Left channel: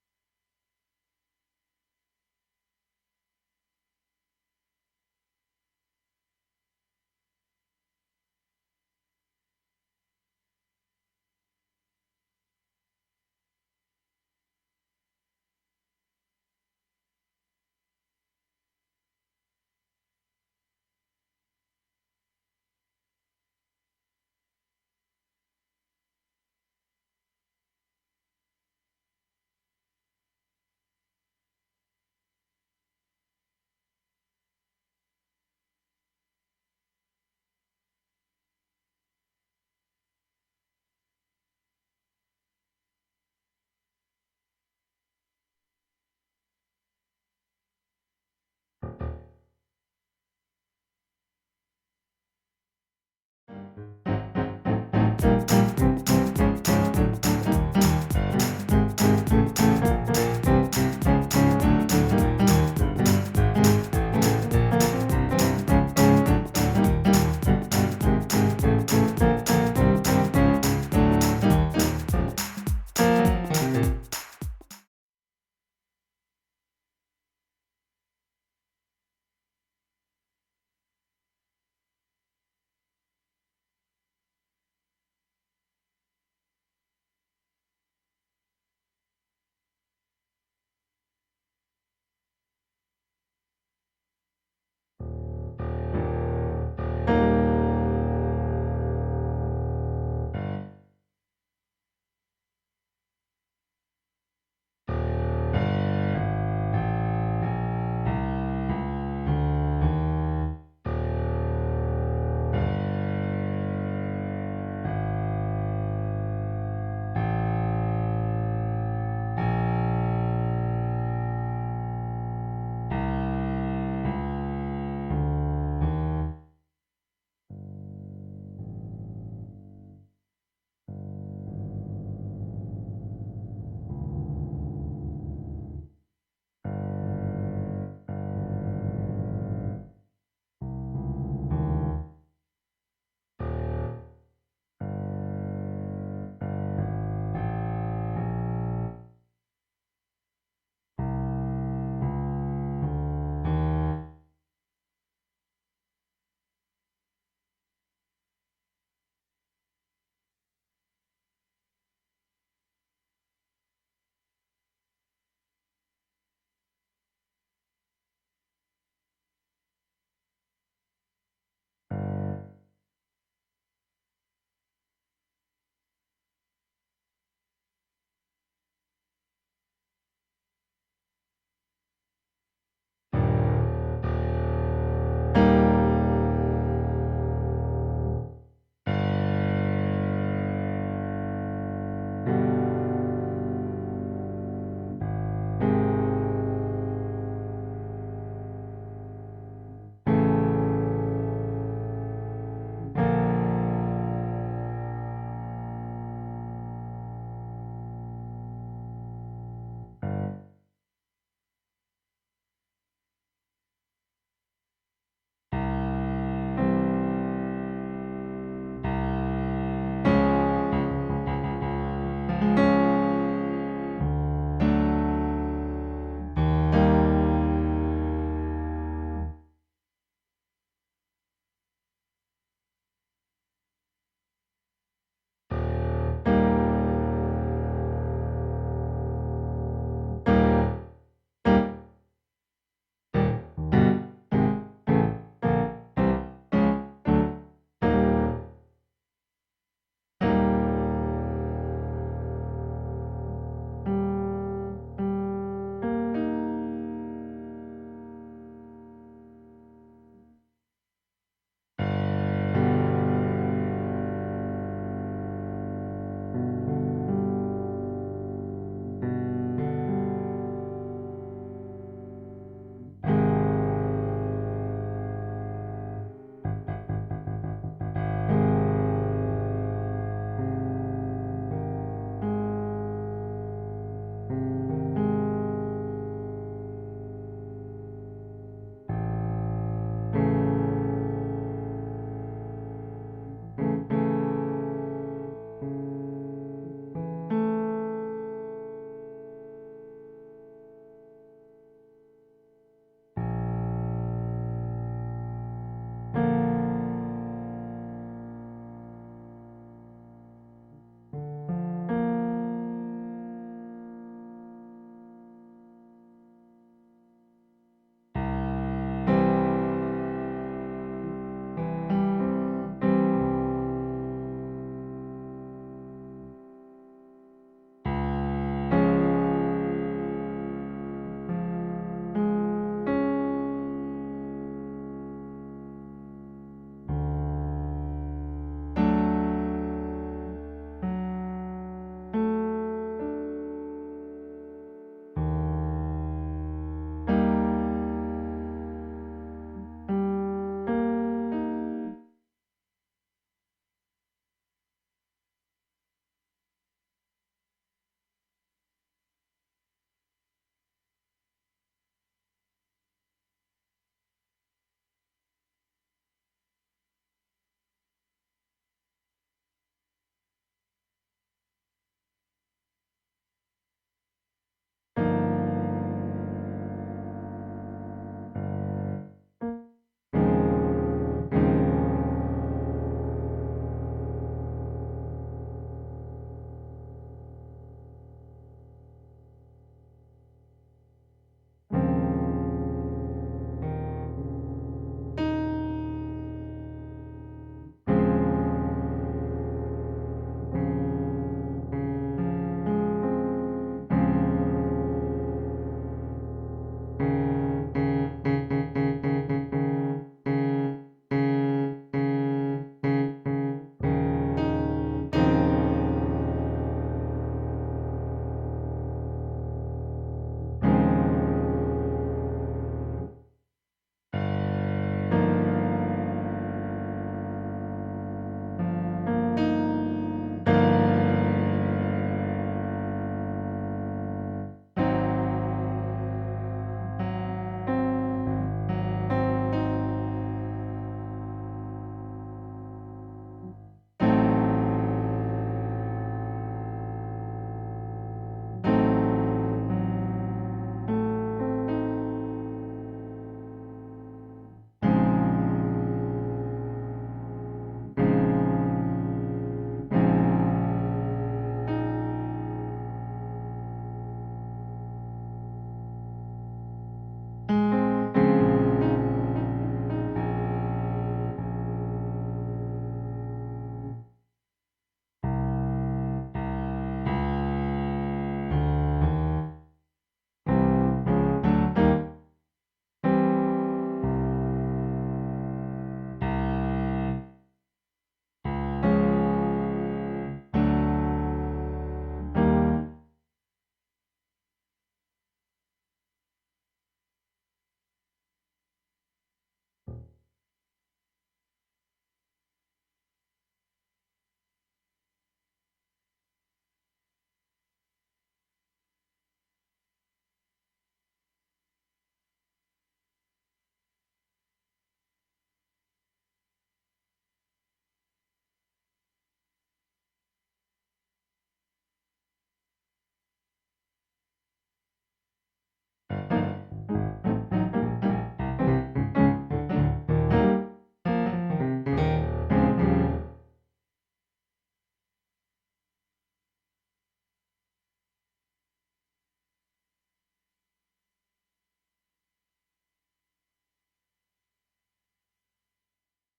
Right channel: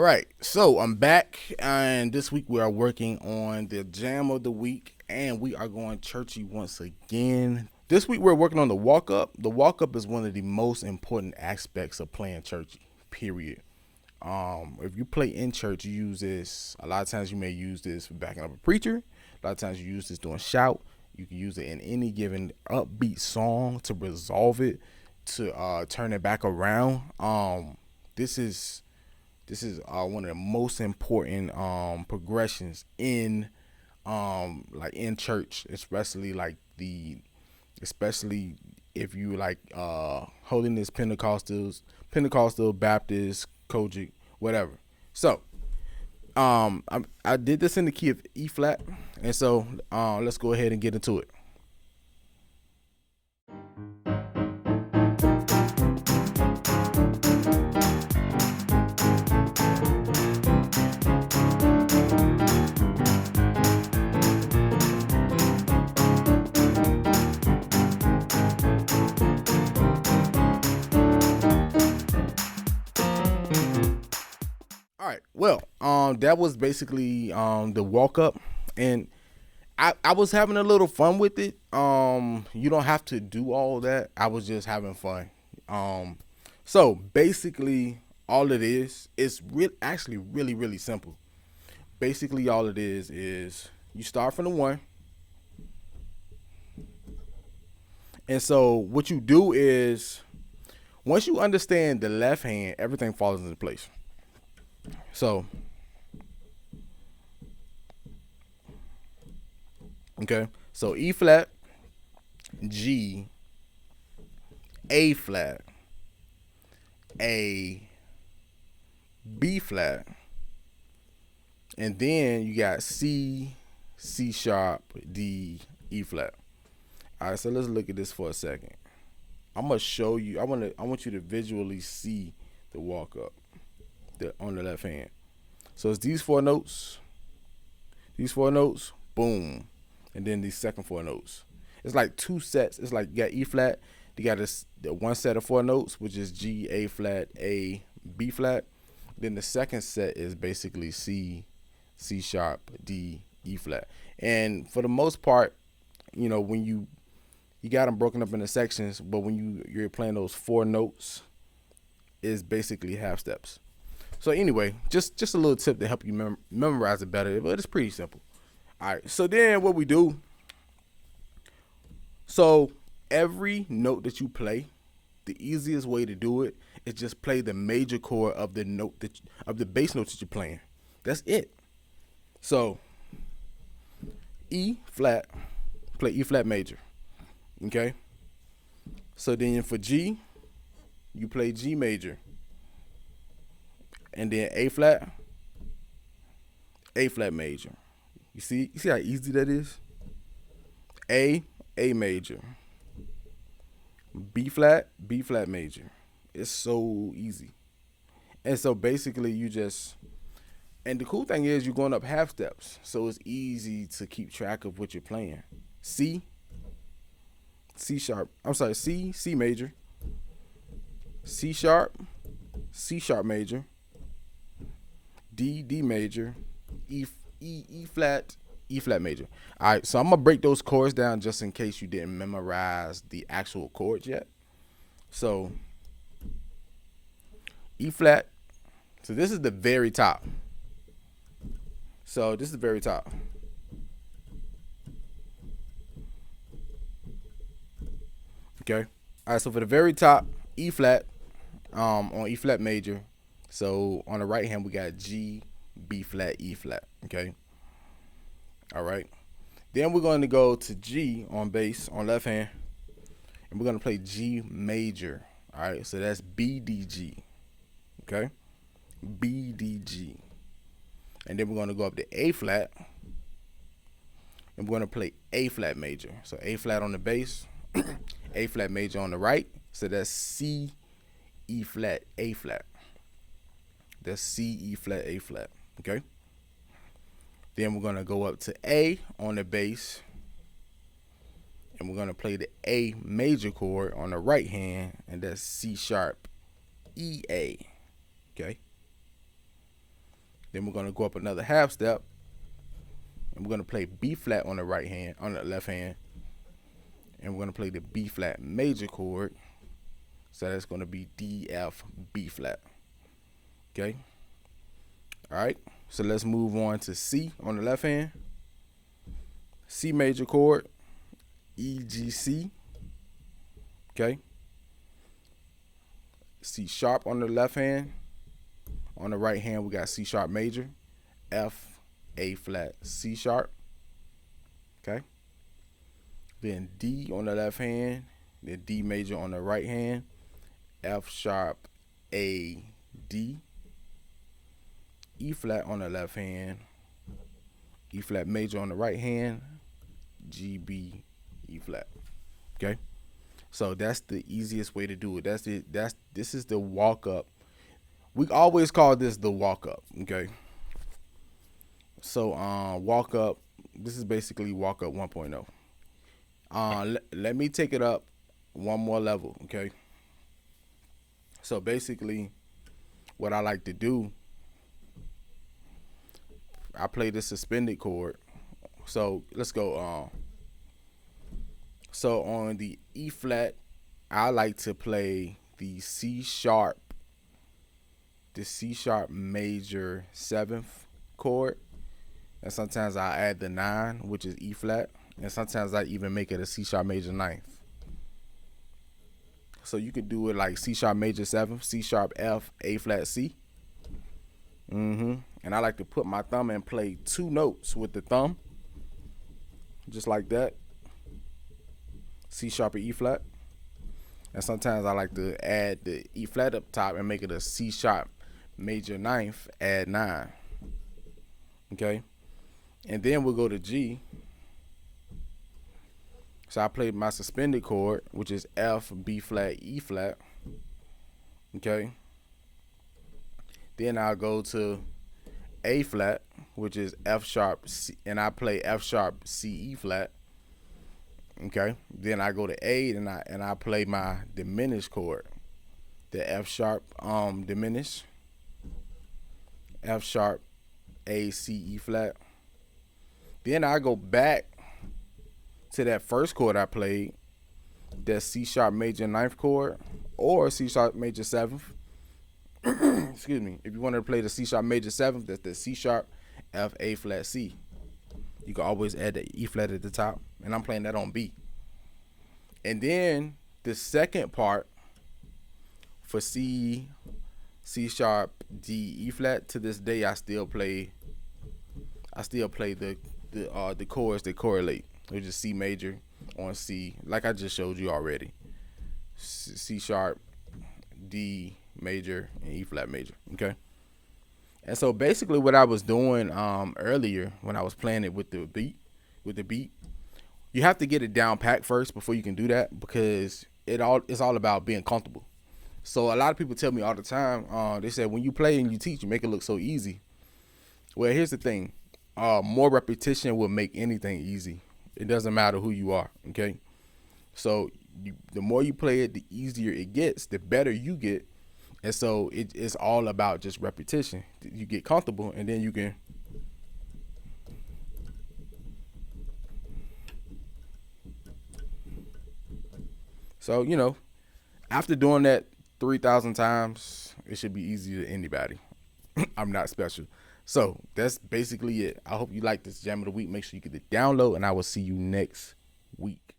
All right, so I'm back, and this week we are working on the jam of the week, and we are going churchy once again. This week we're working on the walk up. The walk up is one of the most important aspects of playing churchy, period. If you play in church, you use this. A lot of times you may use this for backing up a preacher. A lot of times you use this doing shout. You can use it in any given upbeat song to resolve it, to turn it back around. This is one of the most important progressions in like in church, especially if you like holiness Pentecostal, Baptist, Kojic, whatever. So I did this in the key of E flat, and so let's go ahead and get into it. All right. Well, that was basically the walk up, and I was having a little fun with it. You don't have to do all that. I was just having fun. So basically, all it is actually really really simple. Basically, all it is you start from the one, and so what you do is once you understand the left hand, everything falls into place. So, okay. So E flat, G, A flat, A, B flat, and then you got C, C sharp, D, E flat. All right, so let's look at this for a second. I'm gonna show you. I want you to visually see the walk up on the left hand. So it's these four notes, boom, and then these second four notes. It's like two sets. It's like you got E flat, you got the one set of four notes, which is G, A flat, A, B flat. Then the second set is basically C, C sharp, D, E flat. And for the most part, when you got them broken up into sections, but when you're playing those four notes, is basically half steps. So anyway, just a little tip to help you memorize it better, but it's pretty simple. All right, so then what we do, so every note that you play, the easiest way to do it is just play the major chord of the note of the bass note that you're playing. That's it. So E flat, play E flat major, okay? So then for G, you play G major. And then A flat major. You see how easy that is? A major. B flat major. It's so easy. And so basically and the cool thing is you're going up half steps. So it's easy to keep track of what you're playing. C major. C sharp major. D major, E flat major. All right, so I'm gonna break those chords down just in case you didn't memorize the actual chords yet. So E flat. So this is the very top. Okay. All right. So for the very top, E flat, on E flat major. So on the right hand we got G, B flat, E flat, okay? All right. Then we're going to go to G on bass, on left hand. We're going to play G major, all right? So that's B, D, G, okay? B, D, G. And then we're going to go up to A flat. And we're going to play A flat major. So A flat on the bass, A flat major on the right. So that's C, E flat, A flat. That's C, E flat, A flat, okay? Then we're gonna go up to A on the bass, and we're gonna play the A major chord on the right hand, and that's C sharp, E, A, okay? Then we're gonna go up another half step. We're gonna play B flat on the right hand, on the left hand, and we're gonna play the B flat major chord. So that's gonna be D, F, B flat. Okay. All right. So let's move on to C on the left hand. C major chord, E, G, C. Okay. C sharp on the left hand. On the right hand, we got C sharp major, F, A flat, C sharp. Okay. Then D on the left hand, the D major on the right hand, F sharp, A, D. E flat on the left hand, E flat major on the right hand, G, B, E flat. Okay. So that's the easiest way to do it. This is the walk up. We always call this the walk up. Okay. So walk up. This is basically walk up 1.0. Let me take it up one more level. Okay. So basically, what I like to do, I play the suspended chord. So let's go. So on the E flat, I like to play the C sharp major 7th chord. And sometimes I add the 9, which is E flat. And sometimes I even make it a C sharp major 9th. So you could do it like C sharp major 7th, C sharp F, A flat C. And I like to put my thumb and play 2 notes with the thumb, just like that. C sharp or E flat. And sometimes I like to add the E flat up top and make it a C sharp major 9th, add 9. Okay. And then we'll go to G. So I played my suspended chord, which is F, B flat, E flat. Okay. Then I'll go to A flat, which is F sharp, and I play F sharp, C, E flat. Okay. Then I go to A and I play my diminished chord, the F sharp diminished, F sharp, A, C, E flat. Then I go back to that first chord I played, that C sharp major 9th chord, or C sharp major 7th. Excuse me. If you want to play the C sharp major 7th, that's the C sharp, F, A flat, C. You can always add the E flat at the top, and I'm playing that on B. And then the second part for C sharp, D, E flat, to this day I still play the chords that correlate, which is C major on C, like I just showed you already. C sharp, D major, E flat major. Okay. And so basically what I was doing earlier when I was playing it with the beat, you have to get it down pat first before you can do that, because it's all about being comfortable. So a lot of people tell me all the time, they say when you play and you teach, you make it look so easy. Well, here's the thing. More repetition will make anything easy. It doesn't matter who you are, okay? So the more you play it, the easier it gets, the better you get. And so it's all about just repetition. You get comfortable, and then you can so, after doing that 3,000 times, it should be easy to anybody. I'm not special. So that's basically it. I hope you like this Jam of the Week. Make sure you get the download, and I will see you next week.